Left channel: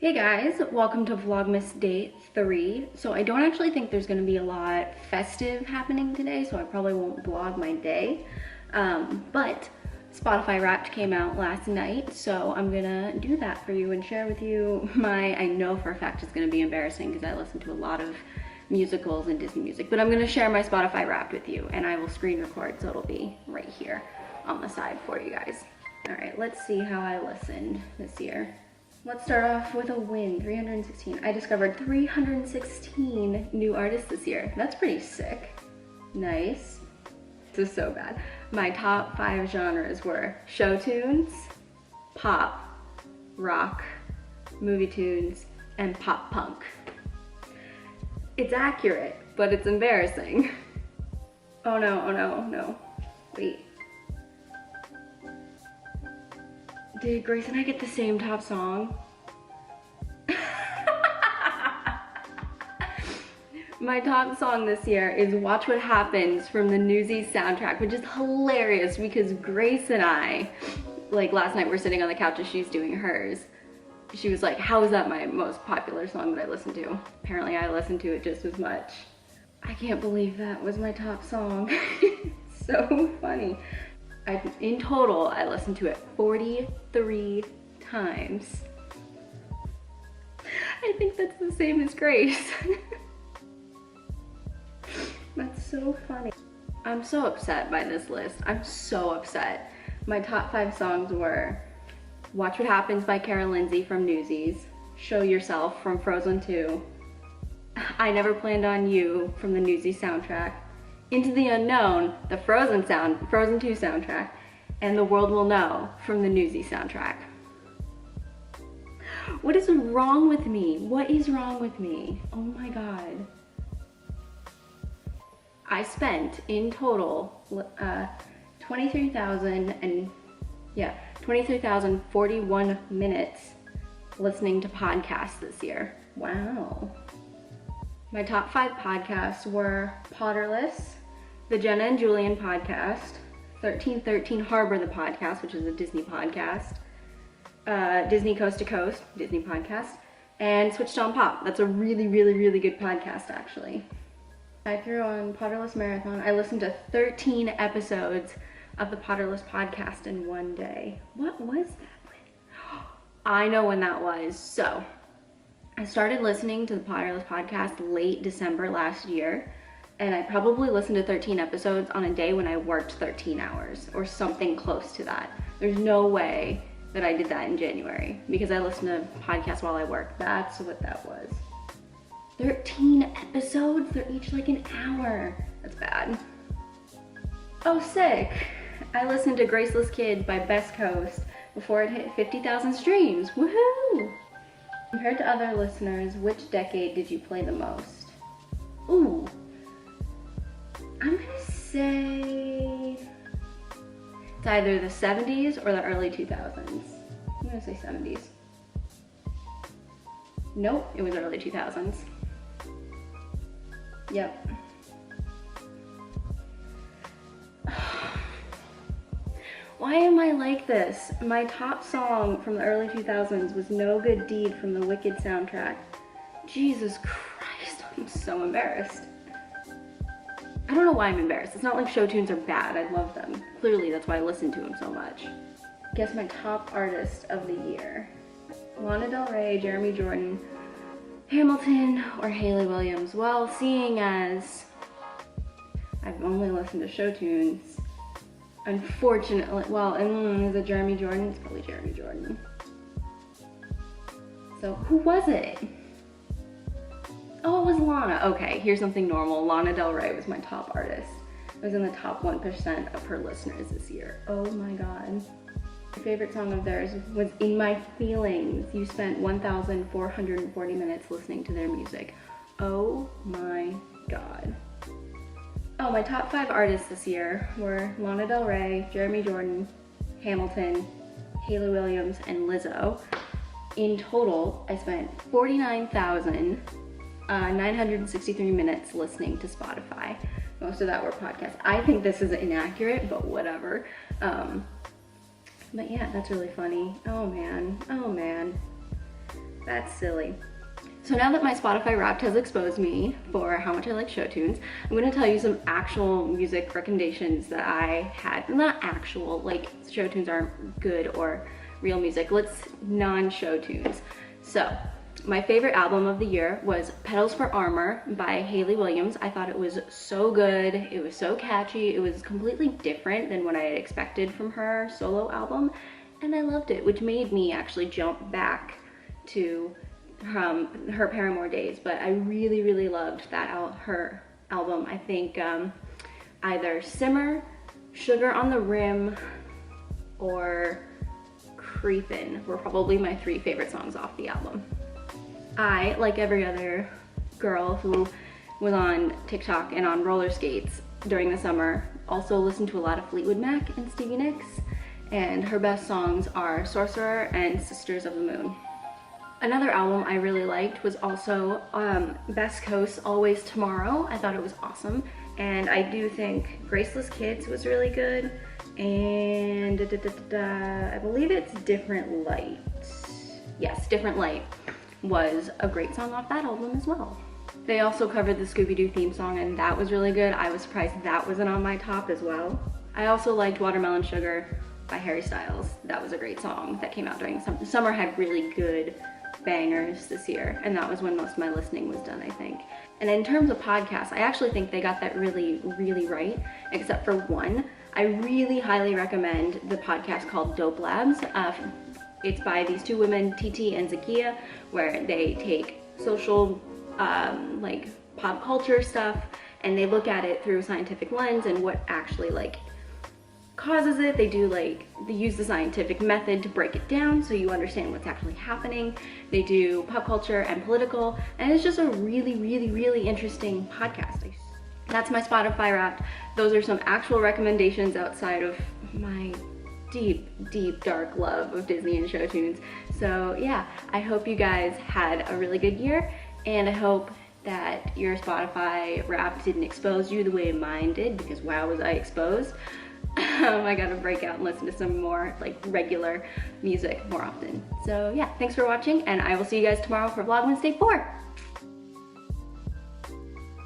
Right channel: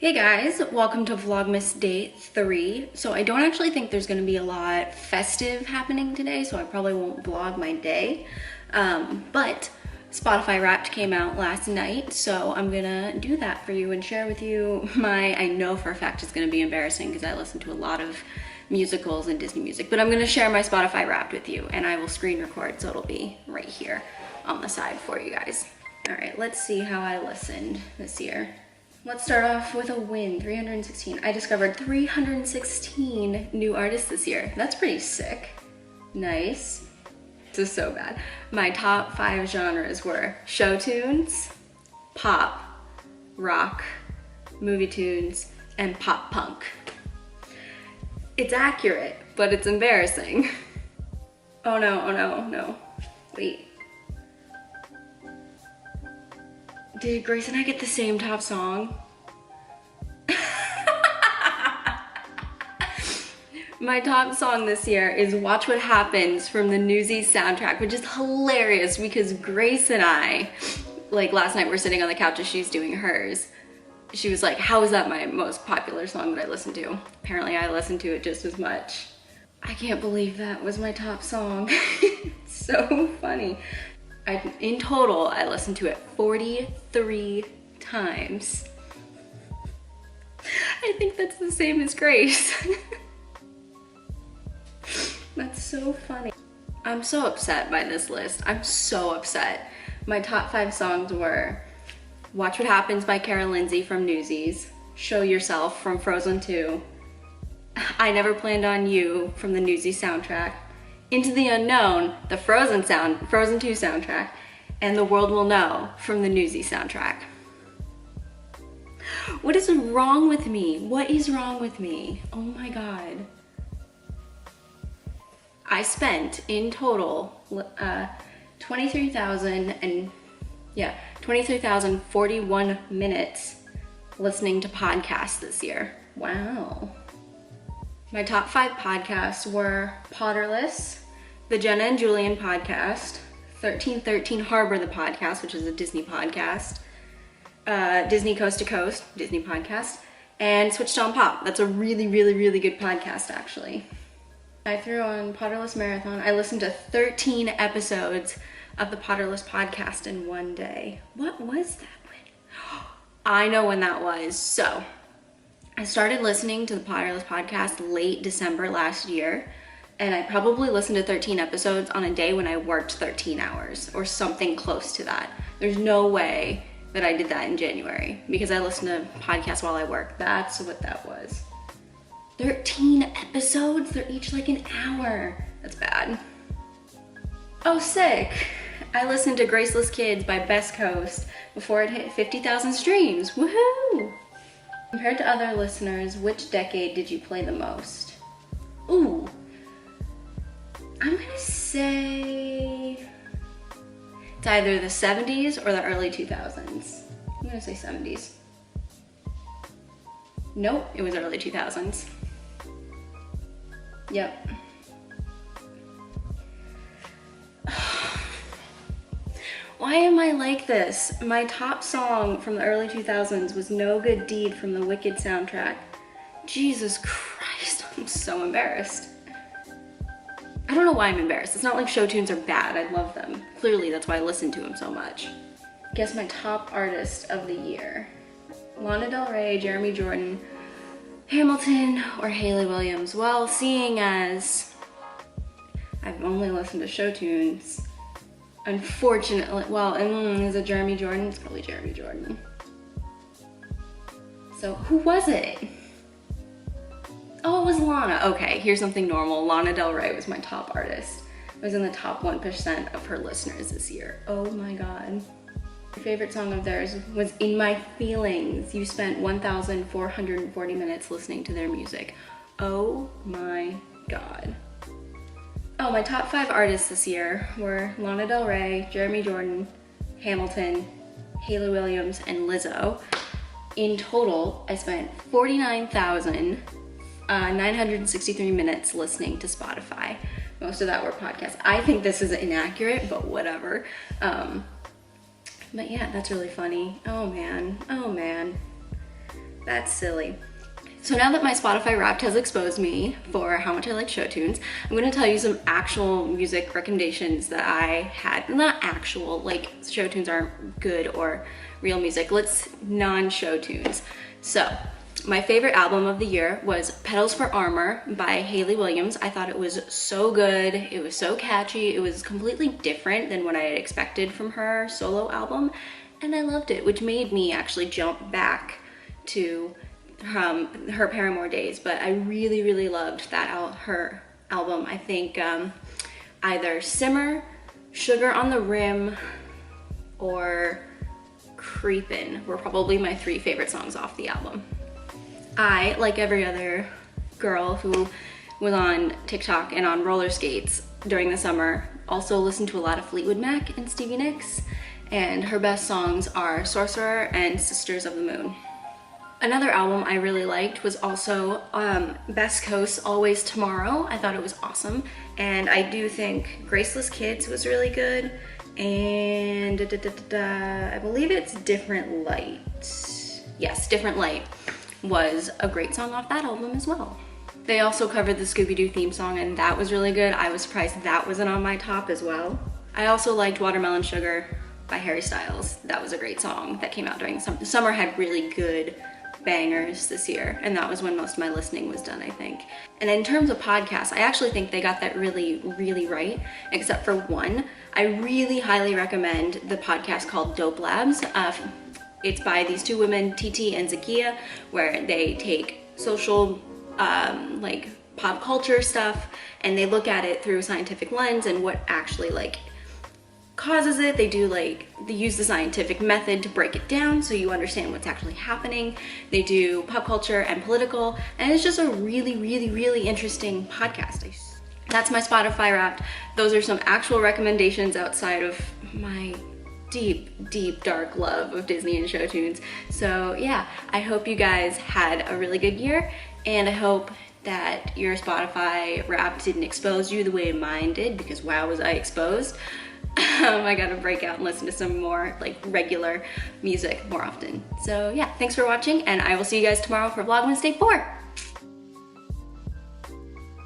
Hey guys, welcome to Vlogmas Day 3. So I don't actually think there's gonna be a lot festive happening today, so I probably won't vlog my day. But Spotify Wrapped came out last night, so I'm gonna do that for you and share with you I know for a fact it's gonna be embarrassing because I listen to a lot of musicals and Disney music, but I'm gonna share my Spotify Wrapped with you and I will screen record, so it'll be right here on the side for you guys. All right, let's see how I listened this year. Let's start off with a win, 316. I discovered 316 new artists this year. That's pretty sick. Nice. This is so bad. My top 5 genres were show tunes, pop, rock, movie tunes, and pop punk. It's accurate, but it's embarrassing. Oh no, oh no, no. Wait. Did Grace and I get the same top song? My top song this year is Watch What Happens from the Newsies soundtrack, which is hilarious because Grace and I, like last night we're sitting on the couch as she's doing hers. She was like, how is that my most popular song that I listen to? Apparently I listened to it just as much. I can't believe that was my top song. It's so funny. In total, I listened to it 43 times. I think that's the same as Grace. That's so funny. I'm so upset by this list. I'm so upset. My top 5 songs were Watch What Happens by Kara Lindsay from Newsies, Show Yourself from Frozen 2, I Never Planned on You from the Newsies soundtrack, Into the Unknown, the Frozen 2 soundtrack, and The World Will Know from the Newsies soundtrack. What is wrong with me? What is wrong with me? Oh my God. I spent in total 23,041 minutes listening to podcasts this year. Wow. My top 5 podcasts were Potterless, the Jenna and Julian podcast, 1313 Harbor the podcast, which is a Disney podcast, Disney Coast to Coast, Disney podcast, and Switched on Pop. That's a really, really, really good podcast, actually. I threw on Potterless Marathon. I listened to 13 episodes of the Potterless podcast in one day. What was that? I know when that was. So, I started listening to the Potterless podcast late December last year, and I probably listened to 13 episodes on a day when I worked 13 hours or something close to that. There's no way that I did that in January because I listened to podcasts while I work. That's what that was. 13 episodes? They're each like an hour. That's bad. Oh, sick. I listened to Graceless Kids by Best Coast before it hit 50,000 streams. Woohoo! Compared to other listeners, which decade did you play the most? Ooh. I'm gonna say it's either the 70s or the early 2000s. I'm gonna say 70s. Nope, it was early 2000s. Yep. Why am I like this? My top song from the early 2000s was No Good Deed from the Wicked soundtrack. Jesus Christ, I'm so embarrassed. I don't know why I'm embarrassed. It's not like show tunes are bad, I love them. Clearly that's why I listen to them so much. Guess my top artist of the year. Lana Del Rey, Jeremy Jordan, Hamilton, or Hayley Williams. Well, seeing as I've only listened to show tunes, unfortunately, well, is it Jeremy Jordan? It's probably Jeremy Jordan. So who was it? Oh, it was Lana. Okay, here's something normal. Lana Del Rey was my top artist. I was in the top 1% of her listeners this year. Oh my God. My favorite song of theirs was In My Feelings. You spent 1,440 minutes listening to their music. Oh my God. Oh, my top 5 artists this year were Lana Del Rey, Jeremy Jordan, Hamilton, Hayley Williams, and Lizzo. In total, I spent 49,963 minutes listening to Spotify. Most of that were podcasts. I think this is inaccurate, but whatever. But yeah, that's really funny. Oh man, oh man. That's silly. So now that my Spotify Wrapped has exposed me for how much I like show tunes, I'm gonna tell you some actual music recommendations that I had. Not actual, like show tunes aren't good or real music. Let's non-show tunes. So, my favorite album of the year was Petals for Armor by Hayley Williams. I thought it was so good. It was so catchy. It was completely different than what I had expected from her solo album, and I loved it, which made me actually jump back to her Paramore days. But I really, really loved that her album. I think either Simmer, Sugar on the Rim, or Creepin' were probably my 3 favorite songs off the album. I, like every other girl who was on TikTok and on roller skates during the summer, also listened to a lot of Fleetwood Mac and Stevie Nicks, and her best songs are Sorcerer and Sisters of the Moon. Another album I really liked was also Best Coast Always Tomorrow. I thought it was awesome, and I do think Graceless Kids was really good, and I believe it's Different Light. Yes, Different Light was a great song off that album as well. They also covered the Scooby-Doo theme song, and that was really good. I was surprised that wasn't on my top as well. I also liked Watermelon Sugar by Harry Styles. That was a great song that came out during the summer. Had really good bangers this year, and that was when most of my listening was done, I think. And in terms of podcasts, I actually think they got that really, really right, except for one. I really highly recommend the podcast called Dope Labs. It's by these 2 women, TT and Zakia, where they take social, like pop culture stuff, and they look at it through a scientific lens and what actually like causes it. They use the scientific method to break it down so you understand what's actually happening. They do pop culture and political, and it's just a really, really, really interesting podcast. That's my Spotify Wrapped. Those are some actual recommendations outside of my deep, deep, dark love of Disney and show tunes. So yeah, I hope you guys had a really good year, and I hope that your Spotify Wrapped didn't expose you the way mine did, because wow, was I exposed. I gotta break out and listen to some more like regular music more often. So yeah, thanks for watching, and I will see you guys tomorrow for Vlogmas Day 4.